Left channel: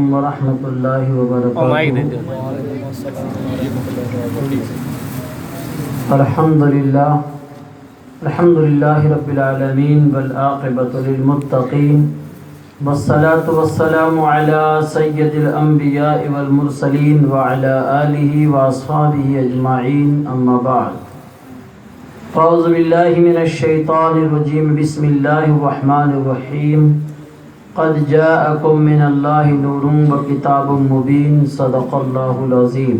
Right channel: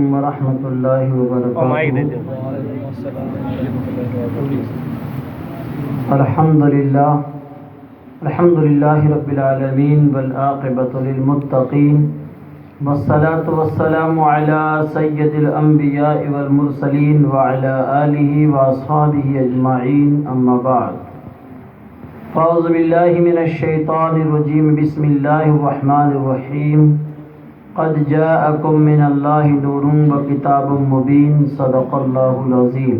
علیکم ورحمۃ اللہ وبرکاتہ۔ الحمد للہ رب العالمین والعاقبۃ للمتقین والصلاة والسلام علی سید الانبیاء والمرسلین وعلی آلہ واصحابہ اجمعین، اما بعد۔ اعوذ باللہ من الشیطان الرجیم، بسم اللہ الرحمن الرحیم۔ قد جاءکم من اللہ نور وکتاب مبین، صدق اللہ العظیم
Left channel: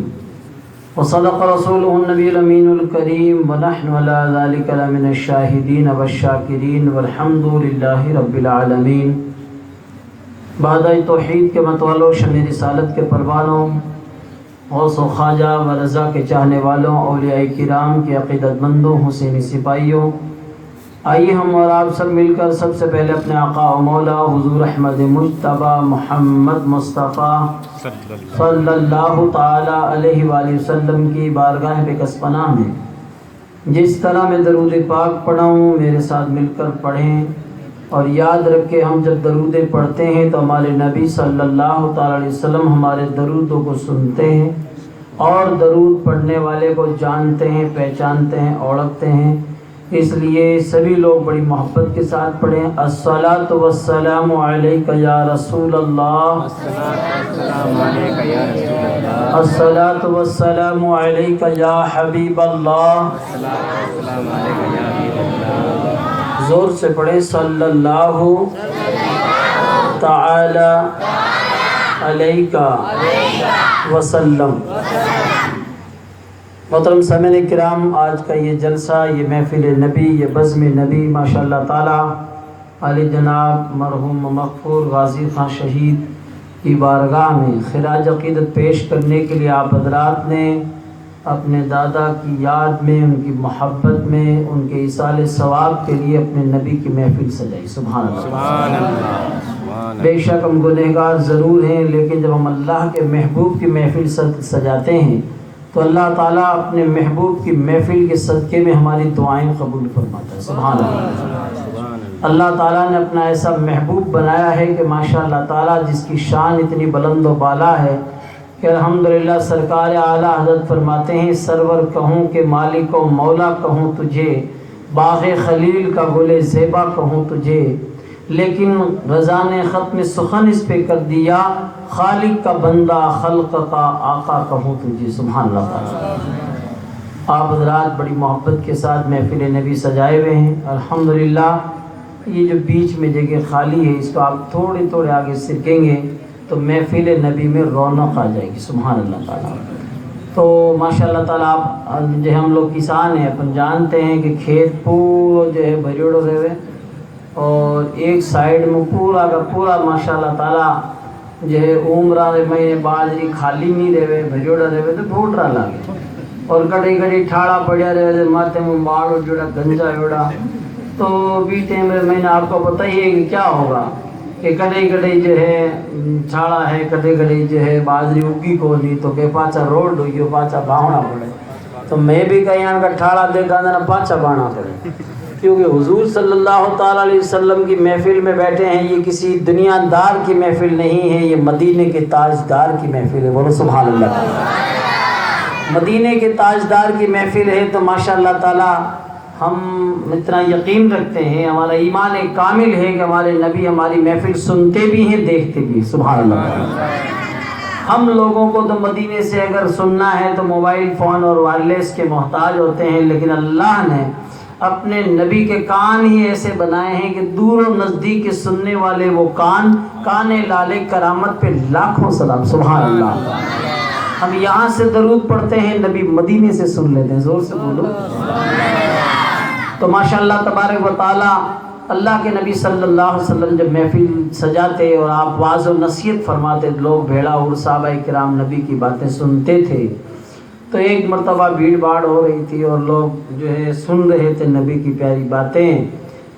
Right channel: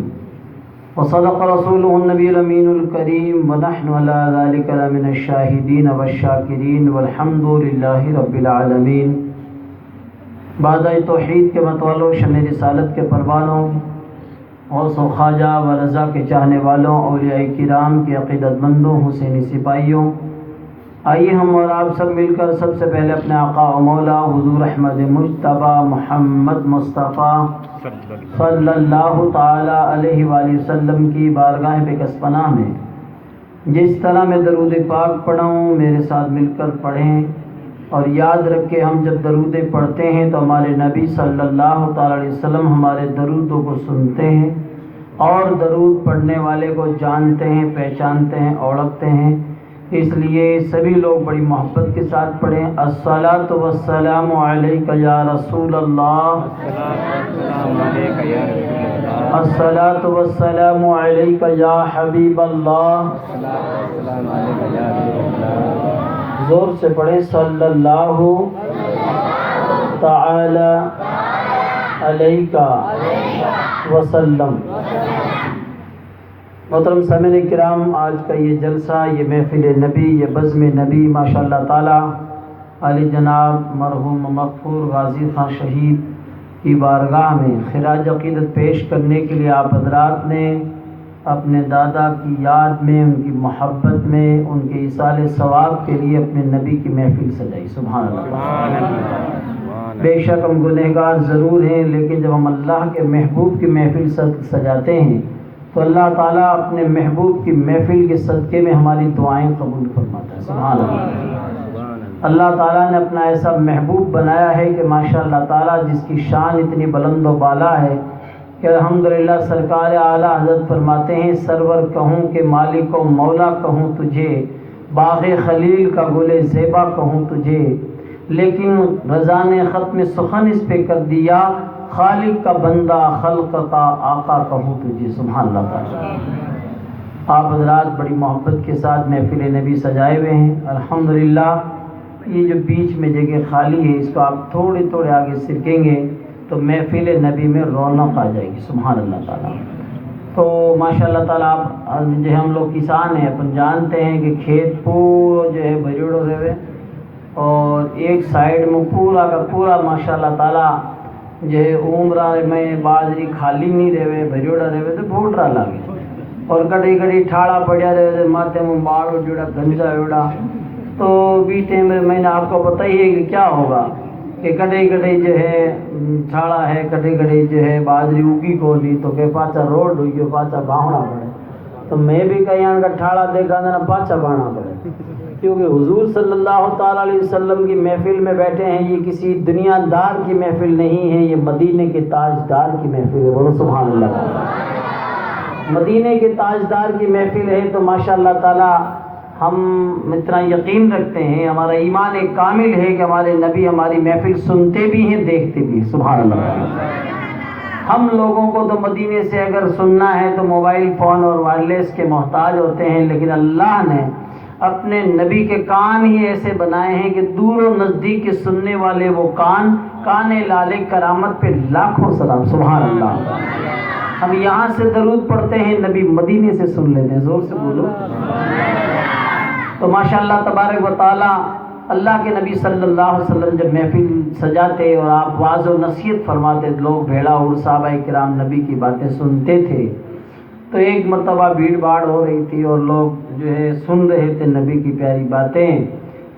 وصدق رسولہ النبی الامین الکریم، ونحن علی ذلک لمن الشاہدین والشاکرین، والحمد للہ رب العالمین۔ بعد توحید کے متوالوں، شمع رسالت کے پروانوں، غوث و خواجہ و رضا کے چاہنے والوں، اولیاء کرام کے عقیدت مندوں، حسینی سپاہیوں، آئیے ہم اور آپ سب مل کر سب سے پہلے اپنے آقا و مولا حضور احمد مجتبیٰ محمد مصطفیٰ صلی اللہ تعالی علیہ وآلہ وسلم کی بارگاہ بکس پناہ میں جس طرح میں درود پاک پڑھا ہوں میرے ساتھ مل کر پڑھیں، اور یاد رکھیں ہم جب درود پڑھتے ہیں تو ہمارے نبی صلی اللہ تعالی علیہ وسلم ہمارے درودوں کو سنتے ہیں اور درود پڑھنے والے کو جانتے ہیں، پہچانتے ہیں، اوڑھتے ہیں۔ اس لیے سبھی لوگ بڑی محبت کے ساتھ پڑھیں، الصلاۃ والسلام علیک یا رسول اللہ، الصلاۃ والسلام علیک یا حبیب اللہ، زور سے پڑھیں، صلی اللہ تعالی علیہ وسلم۔ محترم سامعین کرام، آج کا یہ جلسہ، یہ محفل نبی، یہ بزم نبی ماشاء اللہ تعالی علی جناب مرحوم مغفور غازی خان شہید کی بارگاہ میں خراج عقیدت پیش کرنے کے لیے آپ حضرات نے اپنے دادا کی یاد میں، ان کی محبت میں، ان کے ایصال ثواب کے لیے اپنے نبی کی محفل سجائی۔ سبحان اللہ۔ بے شک ہم گنہگار ضرور ہیں، لیکن جب ہم اللہ کے محبوب کی محفل سجاتے ہیں تو اللہ تعالیٰ اپنے محبوب کی محفل کے صدقے میں ہماری دعائیں قبول فرماتا ہے۔ سبحان اللہ۔ اللہ تعالیٰ نے اپنا ایسا محبوب بنایا ہے کہ ماشاء اللہ تعالیٰ جس کی شان اتنی بلند و بالا ہے کہ الحمدللہ سرکار اعلیٰ حضرت فرماتے ہیں، سرور کہوں کہ مالک و مولا کہوں تجھے، باغ خلیل کا گل زیبا کہوں تجھے، لیکن رضا نے ختم سخن اس پہ کر دیا، خالق کا بندہ خلق کا آقا کہوں تجھے۔ سبحان اللہ تعالیٰ۔ آپ حضرات بڑی محبت کے ساتھ محفل نبی سجائے ہوئے ہیں، الحمدللہ۔ یہ جو بیچ میں جگہ خالی ہے، اس کو آپ تھوڑے آگے سرکیں گے تو محفل نبی میں رونق آ جائے گی۔ سبحان اللہ تعالیٰ۔ تو ماشاء اللہ تعالیٰ آپ جو ہم لوگ کسان ہیں، اپن جانتے ہیں کہ کھیت پورا جو ہے بھریڑو رہے، اور ایک سائیڈ میں پورا کا پورا ماشاء اللہ تعالیٰ جو ہے عمرہ میں باجری خالی نہیں رہے، بھریڑا رہے تو بھوٹ رہا لگے، اور کڑی کڑی ٹھاڑا پڑیا رہے، ماتھے میں باڑ جڑا گنجا اڑا، تو بھی ٹائم میں آپ کو پتہ ہی ہے کہ کیا ہوگا کہ کڑی کڑی جو ہے چھاڑا ہے، کڑی کڑی جو ہے باجری اگی کو نہیں، تو کہ پاچا روڈ ہوئی ہو، پاچا باہنا پڑے، تو میں بھی کہیں کا ٹھاڑا دیکھا دینا پاچا باہنا پڑے، کیونکہ حضور صلی اللہ تعالیٰ علیہ وسلم کی محفل میں بیٹھے ہیں۔ یہ کسی دنیا دار کی محفل نہیں ہے، یہ مدینے کے تاجدار کی محفل ہے۔ بولو سبحان اللہ۔ مدینے کے تاجدار کی محفل ہے، تو ماشاء اللہ تعالیٰ ہم اتنا یقین رکھتے ہیں، ہمارا ایمان ایک کامل ہے کہ ہمارے نبی ہماری محفل سنتے بھی ہیں، دیکھتے بھی۔ سبحان اللہ۔ ہم لوگوں کو تو مدینے سے اگر سننا ہے تو موبائل فون اور وائرلیس کے محتاج ہوتے ہیں، لیکن اللہ نے اپنے نبی کے کان ہی ایسے بنائے ہیں کہ دور و نزدیک کے سننے والے وہ کان لالے کرامت پہ لاکھوں سلام۔ سبحان اللہ۔ ہم یہاں سے درود پڑھتے ہیں، نبی مدینے سے سن لیتے ہیں، زور سے بولو۔ تو ماشاءاللہ تبارک و تعالی اللہ کے نبی صلی اللہ علیہ وسلم جب محفل سجاتے اور آپ واعظ و نصیحت فرماتے، لوگ بھیڑا اور صحابہ کرام نبی کی باتیں سنتے تھے، تو ایک مرتبہ بھیڑ باڑ ہو رہی تھی اور لوگ جو ہے سن رہے تھے نبی کی پیاری باتیں،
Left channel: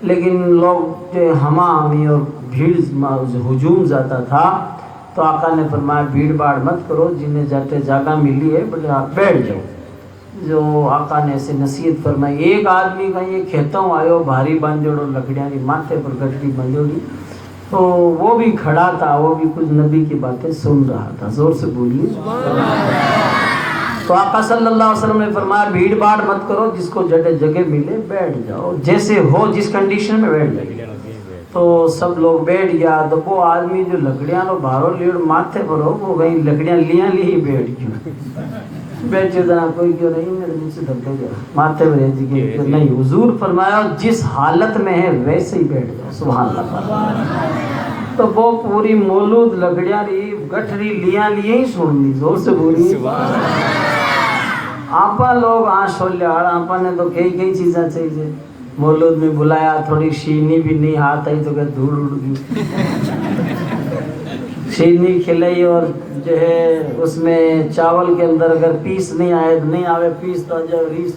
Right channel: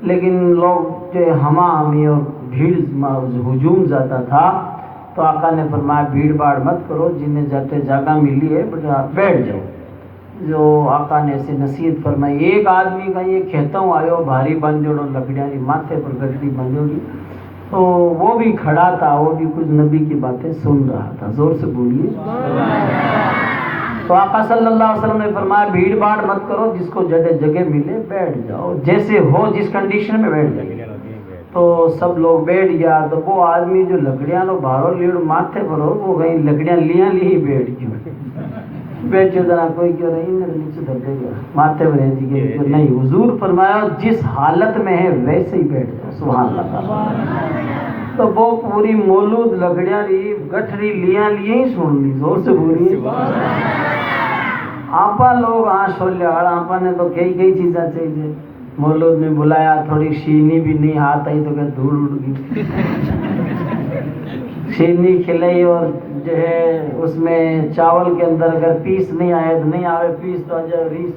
لیکن لوگ جو ہے ہما ہمی اور بھیڑ ہجوم زیادہ تھا، تو آقا نے فرمایا بھیڑ باڑ مت کرو، جنہیں جاتے جگہ ملی ہے آپ بیٹھ جاؤ۔ جو آقا نے ایسے نصیحت فرمائی، ایک آدمی کا یہ کھیتوں آئے بھاری بن جوڑو لکڑیاں کی ماتھے پر گٹڑی بن جوڑی، تو وہ بھی کھڑا تھا، وہ بھی کچھ نبی کی باتیں سن رہا تھا. زور سے بولیے. تو آقا صلی اللہ علیہ وسلم نے فرمایا بھیڑ بھاڑ مت کرو، جس کو جگہ ملے بیٹھ جاؤ، جیسے ہو جس کنڈیشن میں بیٹھ جائے. تو سب لوگ بیٹھ گیا. تو وہ آدمی جو لکڑیاں لو باہروں لیڑ ماتھے پر ہو، وہ کہیں لکڑیاں لیاں لی بیٹھ گئی. بیٹھ جانا کوئی کیوں نہیں، میرے نیچے دھکے گیا ماتھے پر جی نہیں. حضور فرمایا جس حالت میں ہے ویسے ہی بیٹھ جاؤ. سبحان اللہ. تو وہ پوری مولود لکڑیاں لی گٹھری لیاں لیے ہی سن لی. زور سے بولیے. آپا لوگ چھولے آپا نے تو کئی چیزیں چاہیے. مولود میں بلایا، تھوڑی شیرنی بھی نہیں ہاتھ آئی تو کہ دھوڑ اڑ گئی. شیرنی کھلائی اور جو ہے اس میں چاول کے اندر اگر پیس نہیں آئے تو نہیں آوے پیس تو آجا ریس.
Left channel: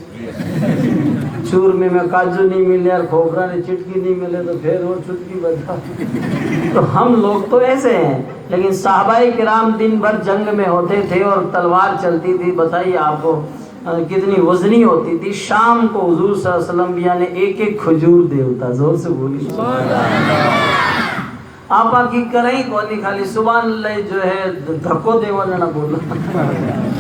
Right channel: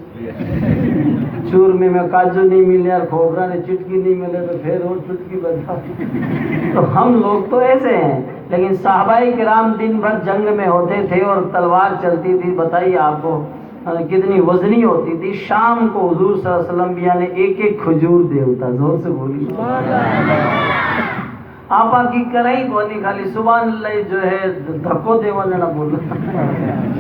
چورمے میں کاجو نہیں ملے اور کھوپرا نے چٹکی نہیں ملے تو پھر اور چٹکی بتا. تو ہم لوگ تو ایسے ہیں. لیکن صحابہ کرام دن بھر جنگ میں ہوتے تھے اور تلوار چلتی تھی. بتائیے آپ کو کتنی وزنی ہوتی تھی. شام کو حضور صلی اللہ علیہ وسلم بھی یعنی ایک کھجور دے ہوتا. زور سے بولی. آپا کی کریں کونی خالی سبحان اللہ جو ہے دھکو دے والا نہ بولو.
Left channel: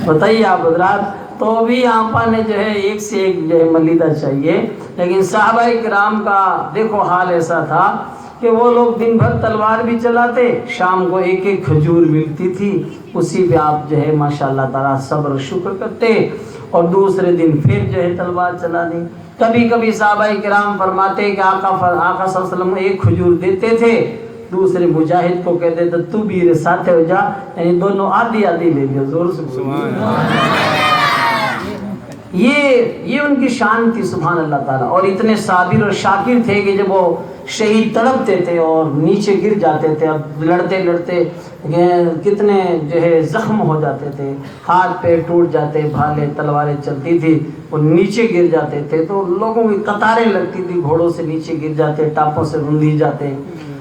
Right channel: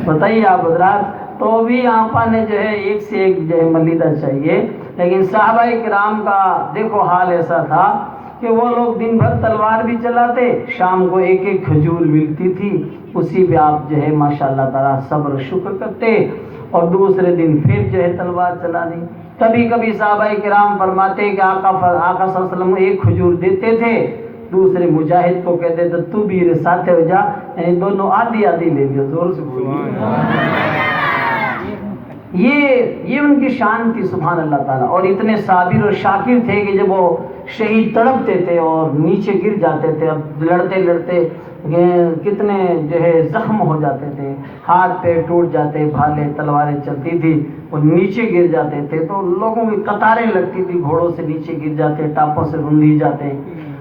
بتائیے آپ حضرات. تو بھی آپا نے جو ہے ایک سے ایک جو ہے ملیدہ چاہیے. لیکن صحابہ کرام کا دیکھو حال ایسا تھا کہ وہ لوگ دن بھر تلوار بھی چلاتے، شام کو ایک کھجور ملتی تھی، اسی پہ آپ جو ہے ماشاءاللہ تعالیٰ صبر شکر کرتے اور دوسرے دن پھر جو ہے تلوار چلانی. کبھی کبھی صحابہ کرام فرماتے کہ آقا صلی اللہ علیہ وسلم ایک کھجور دیتے تھے، دوسرے مجاہد کو کہتے تھے تو بھی ساتھ ہو جا، یعنی دونوں آدھی آدھی لے لیا. زور سے بولیے. یہ ان کی شان تھی. سبحان اللہ تعالیٰ. اور اتنے صابر اور شاکر تھے کہ جب وہ شہید تڑپتے تھے اور نیچے گر جاتے تھے، اب لڑتے لڑتے کتنے جو ہے زخم ہو جاتے تھے، ہاتھ پیر ٹوٹ جاتے، بھالے تلواریں چلتی تھی، وہ نیچے گر جاتے تھے تو لوگوں کی قطاریں لگتی تھی، گھوڑوں سے نیچے گر جاتے، ٹاپوں سے رندھی جاتے.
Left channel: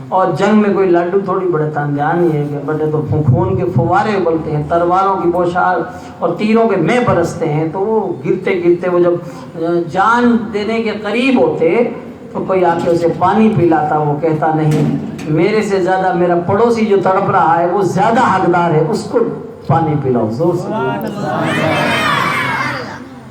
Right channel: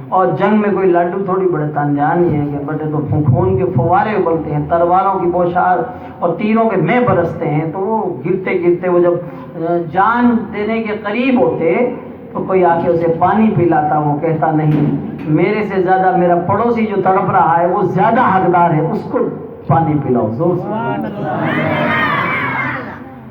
اور جنگ میں کوئی لاڈو تھوڑی بڑے تاندیان ہی ہے کہ بڑے تو خون کے فوارے اگلتے ہیں، تلواروں کی بوچھار اور تیروں کے مے برستے ہیں. تو وہ گرتے گرتے وہ جب جان دینے کے قریب ہوتے تو کوئی آ کے اسے پانی پلاتا. وہ کہتا نہیں، میرے سے زیادہ میرا پڑوسی جو تڑپ رہا ہے وہ زیادہ حقدار ہے، اس کو پانی پلاؤ. زور سے.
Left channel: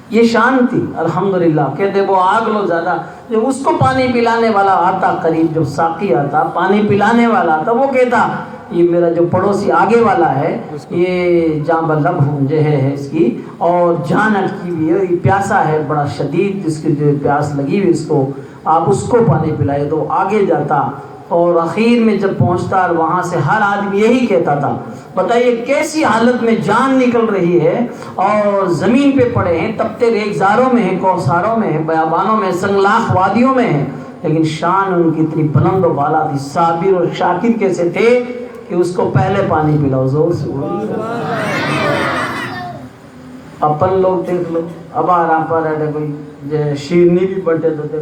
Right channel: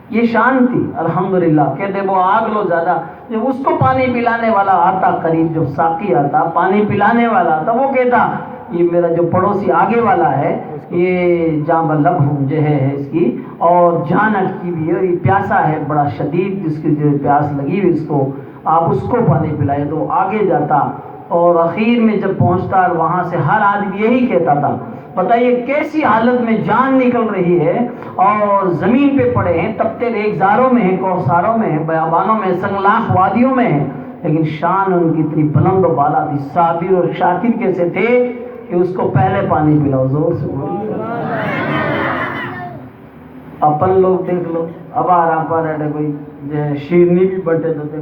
یہ شان تھی. الحمدللہ. کہتے وہ آگ لو زیادہ، جب اس کو پانی پلانے والا آتا قریب، جو ساقی آتا پانی پلانے والا آتا، وہ کہتا یہ میرا جو پڑوسی آگے والا ہے یہ جان بلب جو ہے اس کی اور جان اٹکی بھی ہے، یہ پیاسا ہے بڑا شدید، جس کی جو پیاس لگی ہوئی اس کو آپ اس کو پانی پلائے. تو آگے جاتا اور اخیر میں جب پہنچتا اور وہاں سے ہر آدمی یہی کہتا تھا. بتائیے کیسی حالت میں جان نکل رہی ہے اور زمین پہ پڑے ہیں، تپتے ریگزاروں میں ہیں، کوثاروں میں ہیں، بیابانوں میں، سنگلاخ وادیوں میں ہیں، لیکن شان ان کی اتنی بلند و بالا تھی. صابر اور شاکر کیسے تھے کہ اس کو پہلے پانی پلاؤ. زور سے اپن لوگ دیکھ لو، اب آرام پر رہتے کوئی شیرنی بھی بٹے دیتے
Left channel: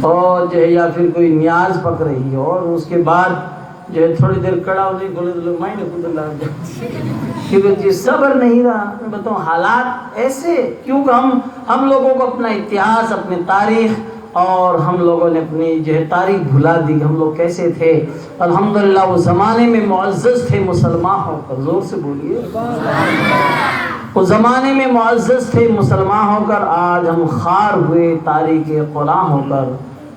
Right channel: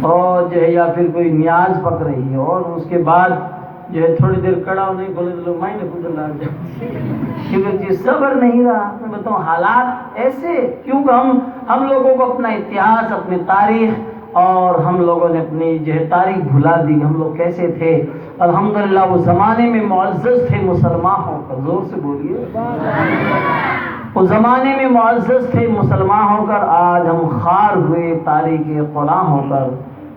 اور جو ہے یا پھر کوئی نیاز پک رہی ہے اور اس کے بعد جو ہے تھوڑی دیر کڑا ہونے بولے تو لوگ مائنڈ خود لا جاتے کیونکہ جی صبر نہیں رہا. میں بتاؤں حالات ایسے کیونکہ ہم لوگوں کو اپنا اتہاس، اپنی تاریخ اور ہم لوگوں نے اپنی جو ہے تاریخ بھلا دی. ہم لوگ کیسے تھے. الحمدللہ وہ زمانے میں معزز تھے مسلمان ہو کر. زور سے بولیے. اس زمانے میں معزز تھے مسلمان ہو کر، آج ہم خوار ہوئے تاریخ غلام ہو کر.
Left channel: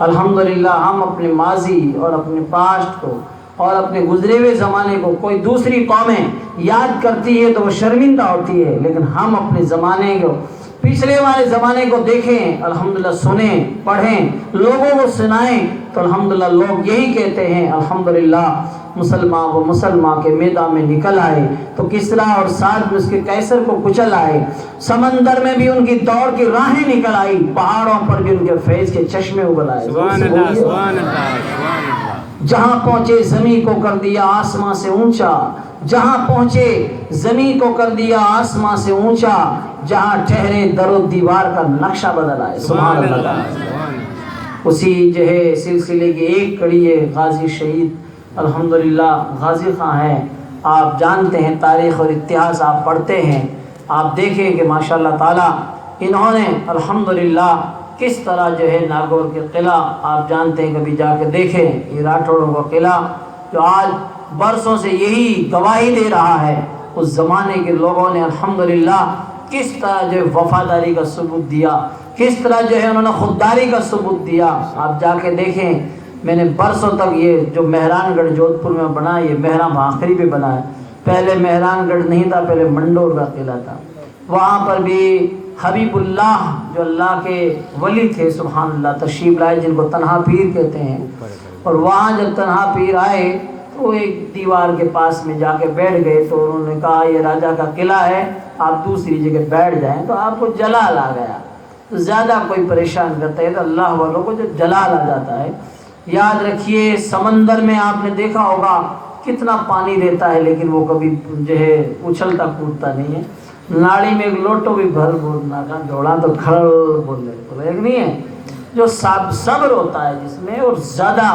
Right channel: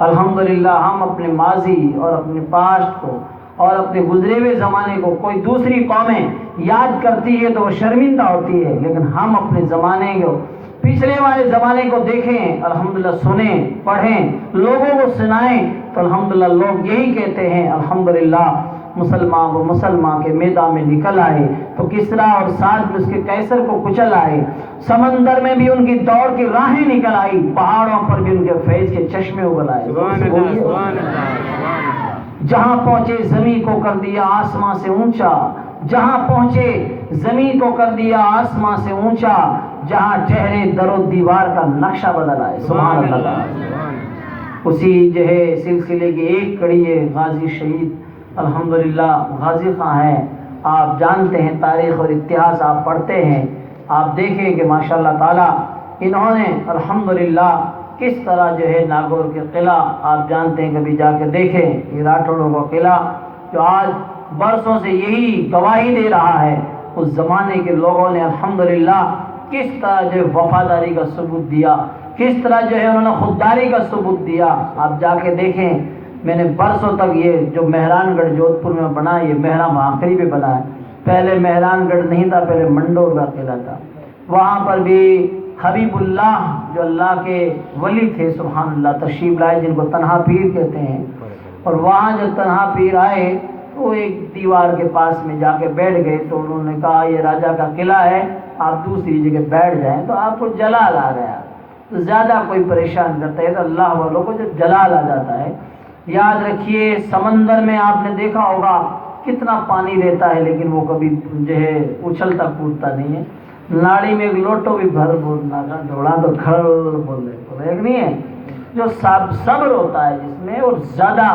الحمدللہ ہم اپنے ماضی اور اپنے پاسٹ کو اور اپنے گزرے ہوئے زمانے کو کوئی دوسری قومیں یاد کرتی ہے تو وہ شرمندہ ہوتی ہے، لیکن ہم اپنے زمانے کو پچھلے والے زمانے کو دیکھیں، الحمدللہ سنیں، پڑھیں، لوگوں کو سنائیں تو الحمدللہ لوگ یہی کہتے ہیں الحمدللہ مسلمان وہ مسلمان کے میدان میں نکل آئے تو کسرا اور ساتھ میں اس کے قیصر کو کچل آئے. سمندر میں بھی ان کی دوڑ کی راہیں نکل آئی، پہاڑوں پر بھی ان کے فیض کے چشمے ابل آئے. جہاں پہنچے زمین کو کر دیا آسمان سے اونچا، جہاں پہنچے زمین کو کر دیا آسمان سے اونچا، جہاں ٹھہرے در و دیوار کا نقشہ بدل آئے. سبحان اللہ. اسی جو ہے سلسلے کی ایک کڑی ہے غازی شہید الحمدللہ غازی خان ہیں. آپ جانتے ہیں تاریخ اور اتہاس آپ پڑھتے ہیں، آپ دیکھیں کہ ماشاءاللہ تعالی انہوں نے الحمدللہ کس طرح جو ہے ناگور کے قلعہ آپ جانتے ہیں، کبھی جا کے دیکھیں، یہ راٹھوڑوں کا قلعہ جو آج برسوں سے یہی گواہی دے رہا ہے، اس زمانے کے لوگوں نے الحمدللہ کس طرح جو ہے وفاداری کا ثبوت دیا، کس طرح جو ہے انہوں نے خودداری کا ثبوت دیا۔ آپ جا کے دیکھیں، میں نے برسوں تک یہ جو مہران گڑھ جودھ پور میں بنا، یہ مہرام آخری پہ بنا ہے، پہلے مہران گڑھ نہیں تھا، پہلے منڈور کا قلعہ تھا۔ وہاں پر بھی حبیب اللہ جو اللہ کے ولی تھے سبحان اللہ تشریف لائے، جن کو تنہا پیر کہتے ہیں، اور وہاں جب تنہا پیر آئے تو ایک دیوار کے پاس میں جا کے بیٹھ گئے، تو انہوں نے کہا یہ راجا کا قلعہ ہے، آپ دوسری جگہ بیٹھ جائیں تو آپ کو جلال آ گیا۔ تو زیادہ کوئی پریشان کرتا ہے تو اللہ والوں کو جب جلال آ جاتا ہے، یاد رکھیے سمندر میں آپ نے دیکھا ہوگا کتنا پانی رہتا ہے، لیکن وہ کبھی جو ہے اچھلتا کودتا نہیں ہے۔ ناڑی میں ایک لوٹو بھی بھر بولنا کا ڈھوڑا تو کھڑ بول رہے تو ایک نہیں ہے جو صبر ہوتا ہے جس میں، اور زیادہ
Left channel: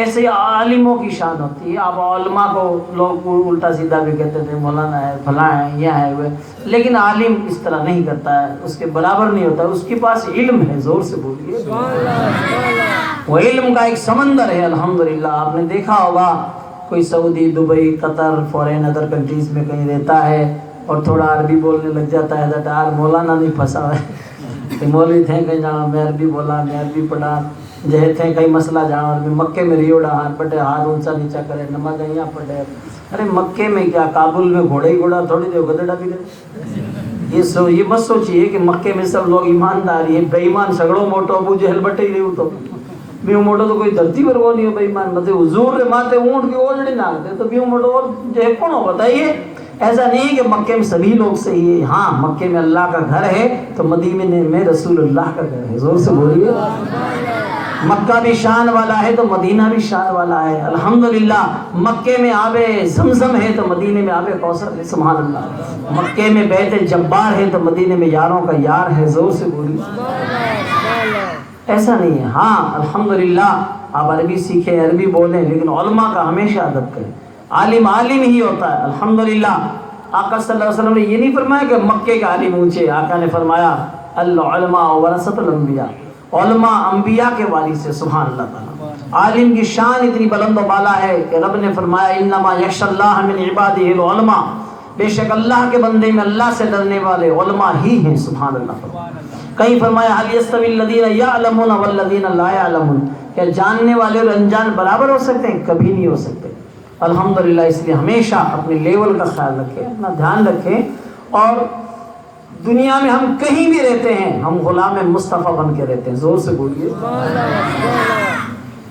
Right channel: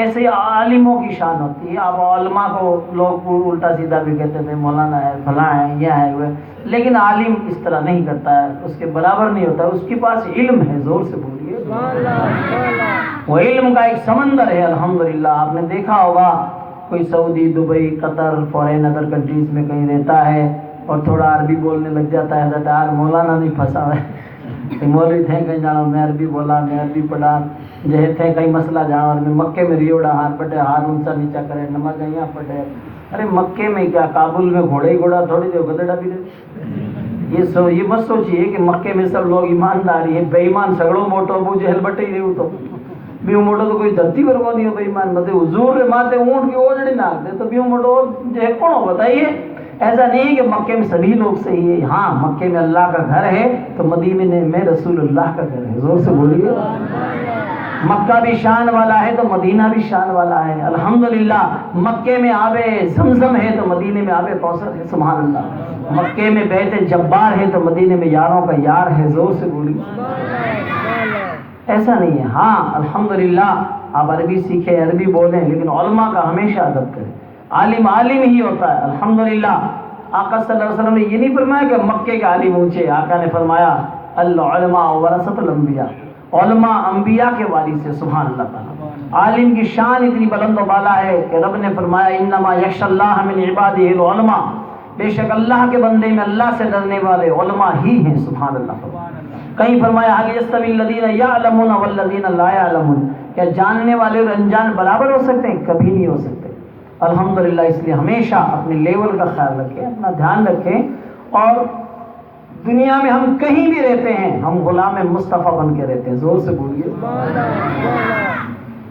ایسے عالموں کی شان ہوتی ہے۔ اب علماء کو لوگ الٹا سیدھا بھی کہتے تھے، مولانا ہے، فلاں ہے، یہ ہے وہ، لیکن عالم اس طرح نہیں کرتا ہے، اس کے برابر نہیں ہوتا، اس کے پاس علم ہے، زور سے بولیے، وہ علم کا ایک سمندر ہے الحمدللہ۔ آپ نے دیکھا ہوگا کوئی سعودی، دبئی، قطر، فورین ادر کنٹریز میں کہیں رہتا ہے اور تھوڑا عربی بولنے لگ جاتا ہے، حضرت آج مولانا نہیں پھنسا ہے کہ مولوی تھے کہیں جاؤ میں عربی بولا، میں عربی پڑھا، جہے تھے کہیں مسئلہ جاؤ عربی، مکے میں ریوڑا ہاتھ پٹے، ہاتھ اونچا نیچا کرے، نماز یہاں پڑھے۔ ارے مکے میں کیا، کابل میں گھوڑے ہی گھوڑا تھوڑی دے گدڑا بھی دے۔ یہ مت سوچئے کہ مکے میں سب لوگ ایمانداری ہے، بے ایمان سگڑوں موٹو ابو جہل بٹے ہی رہو تو بیو موٹو تو کوئی دھرتی پر وہ نہیں ہو بے ایمان، مطلب حضور ماتے اونٹ کی اوجڑی ناک دے تو بیو موٹو اور جو ہے کون ہو بتائیے۔ ایسا نہیں کہ مکے میں سبھی لوگ صحیح ہے، ہاں مکے میں اللہ کا گھر ہے تو مدینے میں رسول اللہ کا گھر ہے، زور سے بولیے۔ مکہ بھی شان والا ہے تو مدینہ بھی شان والا ہے الحمدللہ۔ مکے میں آب زمزم ہے تو مدینے میں آب کوثر ہے سبحان اللہ۔ مکے میں بیت جبار ہے تو مدینے میں یاروں کا یار ہے، زور سے بولیے۔ ایسا نہیں ہے، ہاں الحمدللہ آپ عربی سیکھیں، عربی بولیں، لیکن علماء کا ہمیشہ ادب کریں۔ عالم عالم ہی ہوتا ہے الحمدللہ۔ آقا صلی اللہ علیہ وسلم نے یہ نہیں فرمایا کہ مکے کے عالم اونچے، آقا نے فرمایا العلماء ورثۃ الانبیاء، علماء انبیاء کے وارث سے سبحان اللہ تعالی۔ عالم کی شان اتنی بلند و بالا ہے کہ رب نے فرمایا انما یخشی اللہ من عبادہ العلماء، بے شک اللہ کے بندے میں اللہ سے ڈرنے والے علماء ہی ہیں سبحان اللہ۔ کہیں فرمایا هل يستوي الذين يعلمون والذين لا يعلمون، کیا جاننے والے اور انجان برابر ہو سکتے ہیں؟ کبھی نہیں ہو سکتے الحمدللہ۔ اس لیے ہمیشہ اپنے لیول کا خیال رکھیں، اپنا دھیان رکھیں، اور دنیا میں ہم کہیں بھی رہتے ہیں ہم غلام مصطفیٰ بن کے رہتے ہیں، زور سے بولیے۔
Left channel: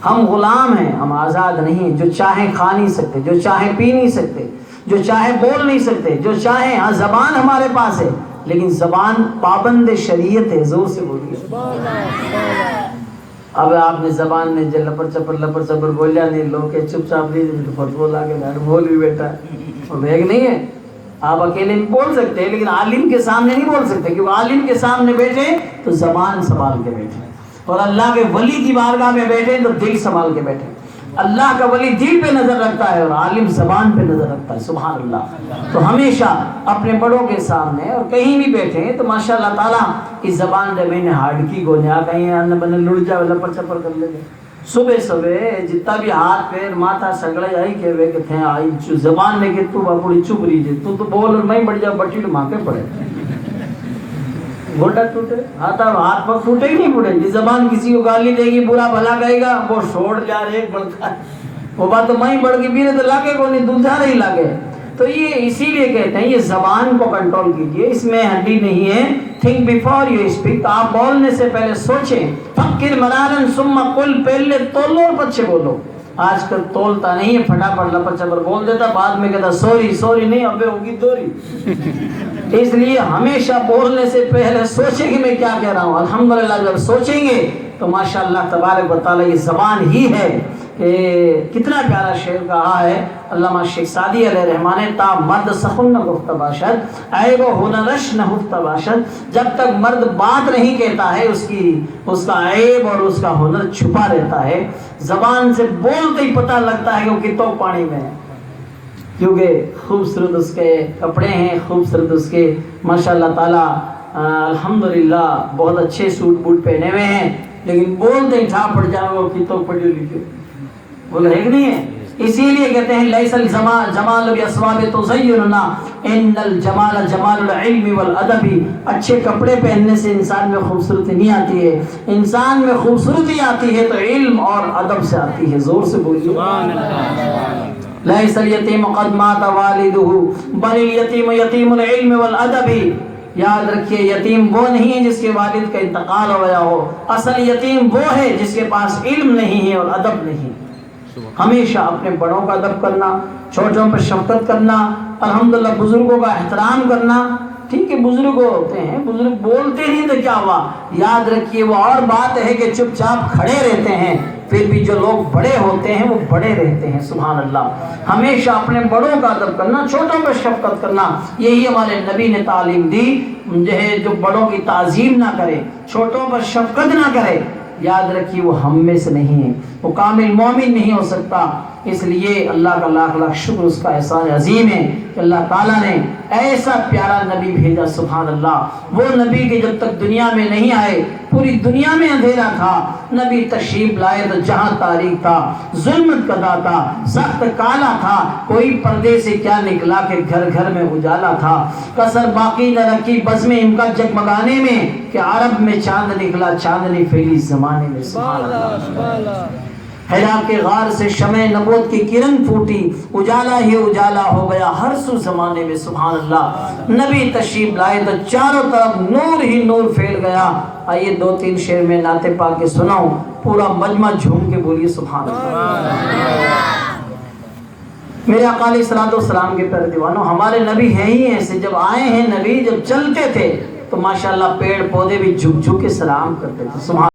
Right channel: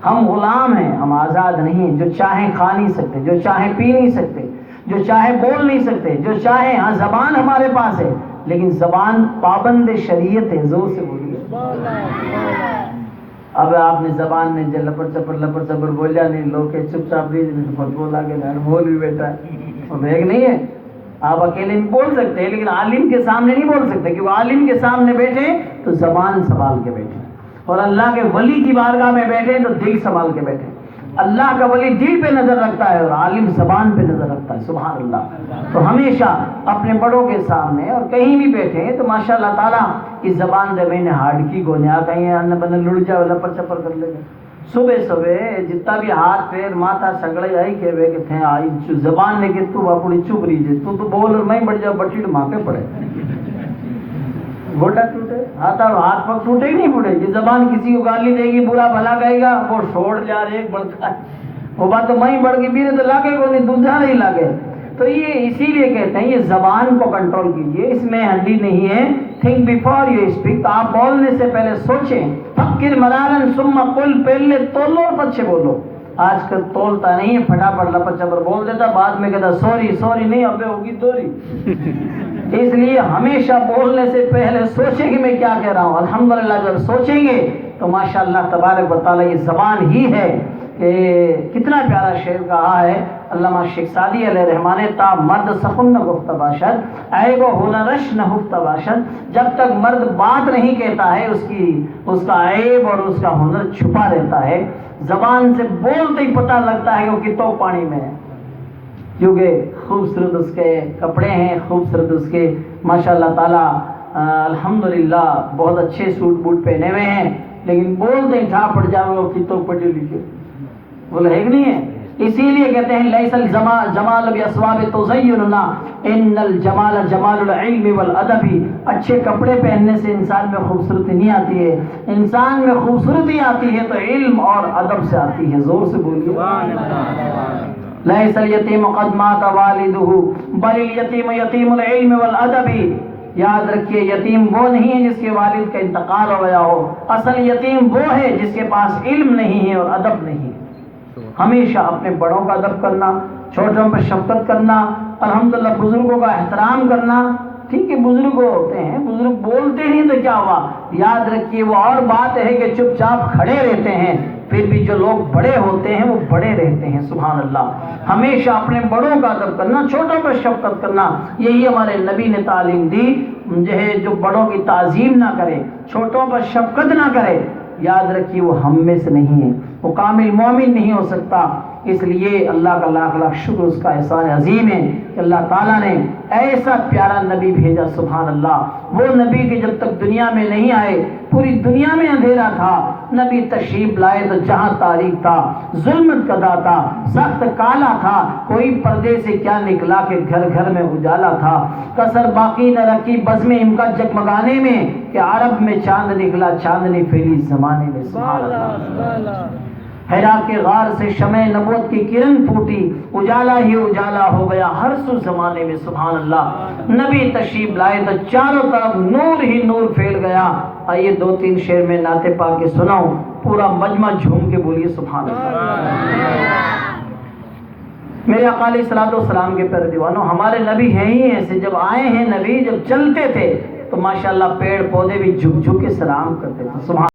ہم غلام ہیں، ہم آزاد نہیں۔ جو چاہیں کھا نہیں سکتے، جو چاہیں پی نہیں سکتے، جو چاہیں بول نہیں سکتے، جو چاہیں، ہاں زبان ہمارے پاس ہے لیکن زبان پابند شریعت ہے، زور سے بولیے۔ اب آپ نے زبان میں جو لپڑ چپڑ بولیا نہیں، لوگ کہ چپ چاپ نہیں بہت بولا کہ بول بھی بیٹا ہے، وہ بیگ نہیں ہے۔ آپ اکیلے میں بول سکتے ہیں لیکن عالم کے سامنے نہیں بول سکتے، کہ وہ عالم کے سامنے بیٹھے تو زبان سنبھال کے بیٹھے، اور اللہ کے ولی کی بارگاہ میں بیٹھے تو دل سنبھال کے بیٹھے۔ اللہ کا ولی دل پہ نظر رکھتا ہے اور عالم زبان پہ نظر رکھتا ہے سبحان اللہ۔ تو ہمیشہ اپنے بڑوں کے سامنے اور کہیں بھی بیٹھے تو ماشاء اللہ تعالیٰ اس زبان نے میں نے ہارڈ کی گونیا کہیں آنے بنے لڑ جاؤ لپڑ چپڑ کر لے۔ صبح جتنا بھی ہاتھ پیر ماتھا سگڑے آئی کہ وہ کہ تھے آئی زبان نے کہ تو باپڑی چپ رہی تو بول اور میں بڑھ جاؤ بٹی ماں پہ پڑے، گھوٹا ٹوٹے، ہاتھ پاک ٹوٹے ہی نہیں ٹوٹے۔ یہ زبان کسی کو گالی دے گی، برا بھلا کہے گا، وہ چھوڑ جا رہے ایک بڑھتا ہے، وہ بات تو میں بڑھ کے بھی تو لاگے کو نہیں، دوسرا نہیں لاگے۔ تو یہ اسی لیے کہتے ہیں یہ زبان کو کنٹرول کیجئے، اس میں ہڈی نہیں ہے۔ تھنک بیفور یو اسپیک، آپ بولنے سے پہلے سوچیں۔ فکر مرارن ثم قل، پہلے تولو اور پچھے بولو۔ آج کل تولتا نہیں ہے، پھٹافٹ لپڑ چپڑ بول دیتا، بعد میں کہتا سوری نہیں ابے ہوگی دوری۔ اس لیے ہمیشہ بولنے سے پہلے سوچیں کہ میں کیا کہہ رہا ہوں۔ الحمدللہ جب سوچیں گے تو ماشاءاللہ تبارک و تعالی یہ زبان ہی ہے کہ کتنا پیارا شعر کہا ہے علامہ شیخ سعدی علیہ رحمٰن، تا مرد سخن نہ گفت باشد عیب و ہنرش نہ ہفت باشد، جب تک مرد بات نہیں کہتا ہے اس کا عیب اور اس کا ہنر چھپا رہتا ہے۔ زبان سے بولتے ہی پتہ لگتا ہے کہ وہ کتوں پانی میں ہے، کیونکہ خوبصورت اس کے کپڑے ہیں، خوبصورت اس کے ماشاءاللہ تعالی الحمدللہ بہت اچھے سوٹ بوٹ پہنے ہوئے ہیں، لیکن بولتے ٹھا پڑ جائے وہ کی تو پڑھے لکھے، بولے ہے کہ نہیں ہے؟ اسی لیے کہتے ہیں لیس الجمال جمال باسواب تزیننا ان الجمال جمال العلم والادب، اچھے کپڑے پہننے سے انسان میں خوبصورتی نہیں آتی ہے، انسان میں خوبصورتی آتی ہے تو علم اور ادب سے آتی ہے۔ زور سے بولیے سبحان اللہ۔ لیس الیتیم قد مات والدہ بل الیتیم یتیم العلم والادب، یاد رکھیے یتیم وہ نہیں ہے جس کے والد کا انتقال ہو گیا ہو، اصل یتیم وہ ہے جس کے پاس علم نہیں ہے اور ادب نہیں۔ ہمیشہ اپنے بڑوں کا ادب کرنا، چھوٹوں پر شفقت کرنا، الحمدللہ بزرگوں کا احترام کرنا۔ ٹھیک ہے بزرگ ہوتے ہیں، بزرگ بولتے نہیں تو کیا ہوا، یاد رکھیے وہ اور بات ہے کہ چپ چاپ کھڑے رہتے ہیں، پھر بھی جو لوگ بڑے ہوتے ہیں وہ بڑے رہتے ہیں۔ سبحان اللہ۔ ہمیشہ اپنے بڑوں کا ادب کرنا، چھوٹوں پر شفقت کرنا، یہی ہمارے نبی نے تعلیم دی۔ جو بڑوں کی تعظیم نہ کرے، چھوٹوں پر شفقت نہ کرے، یاد رکھیے وہ ہم میں سے نہیں ہے، وہ کامل مومن نہیں ہو سکتا۔ اس لیے اللہ کا لاکھ لاکھ شکر، اس کا احسان عظیم ہے کہ اللہ تعالیٰ نے ایسا پیارا نبی بھیجا۔ سبحان اللہ۔ وہ نبی کہ جب تک دنیا میں نہیں آئے پوری دنیا میں اندھیرا تھا، نبی تشریف لائے تو جہاں تاریک تھا، ظلمت کدا تھا، سخت کالا تھا، کوئی پردے سے کیا نکلا کہ گھر گھر میں اجالا تھا، کسر باقی نہ رکھی بزم ان کا جگمگانے میں کہ عرب میں چاند نکلا، چاندنی پھیلی زمانے میں۔ سبحان اللہ۔ حرا کے غار سے شمع نبوت کی کرن پھوٹی، اجالا ہی اجالا ہو گیا ہر سو زمانے میں۔ سبحان اللہ۔ نبی تشریف لائے تو چاروں طرف نور ہی نور پھیل گیا۔ آئیے دو تین شعر میں نعت پاک کے سناؤں، پورا مجمع جھوم کے بولیے سبحان اللہ۔ میرے آقا علیہ الصلوۃ والسلام کے پیارے دیوانوں، ہمارے نبی ہیں ہی ایسے، جب آئے ہیں نبی، جب چلتے تھے تو ماشاءاللہ پیڑ پودے بھی جھک جھک کے سلام کرتے تھے۔ سبحان